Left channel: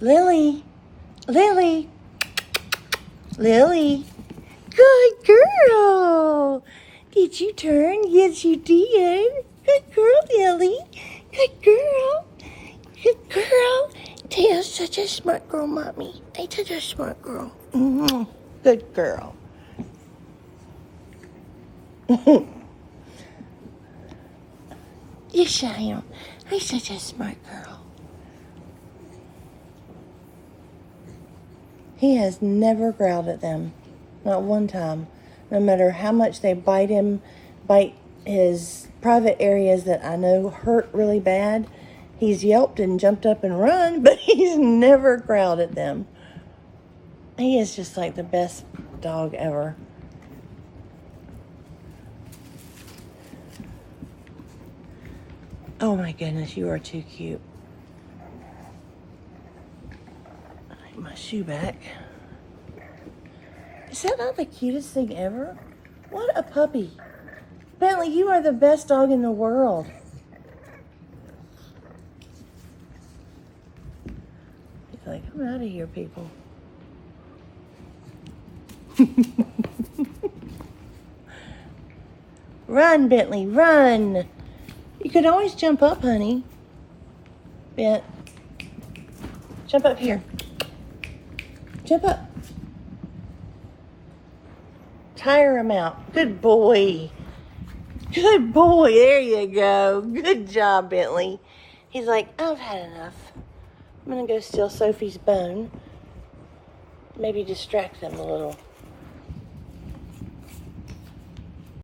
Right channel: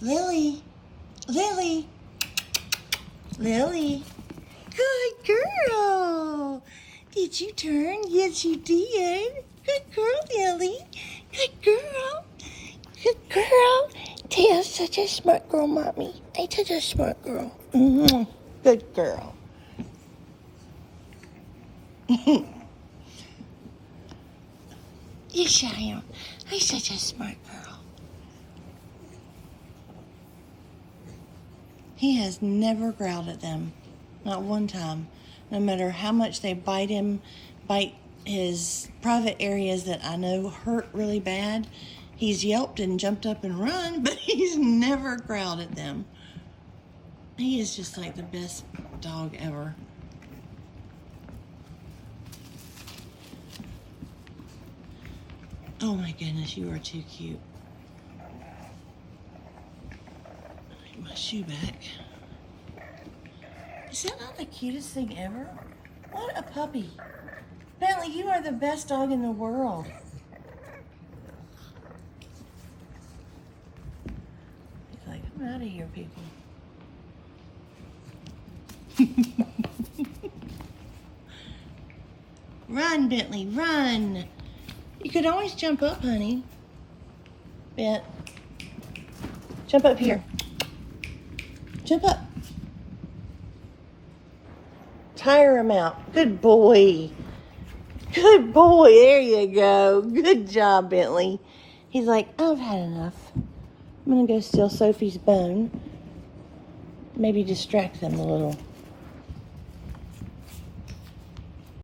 Lily. Lily. Lily. Good girl. Did you turn? Yes, you did. Good girl, Lily. Good girl. Good girl. Taya's such a smart girl, Mommy. I'm such a smart girl. Good girl. Yes, I am. I'm such a smart girl. He has never growled at them. Not one time. No matter how much they bite him, bite his private areas that I know hurt really bad, he's yelped and jumped up and run, but he's never growled at them. He is just like the best dog ever. Oh my goodness, you are too cute. I need my shoe back. Is that not the cutest thing ever? What a puppy. Bentley, you are the best dog in the world. He's like, I'm out of here, people. Run, Bentley, run. You could always jump up, honey. Bent. Jump up here. Jump up. Tire him out. Good boy. Good boy. There you go. Good job, Bentley. He's like, I've had enough. I'm going to go steal Sophie's bone. Maybe distract them a little.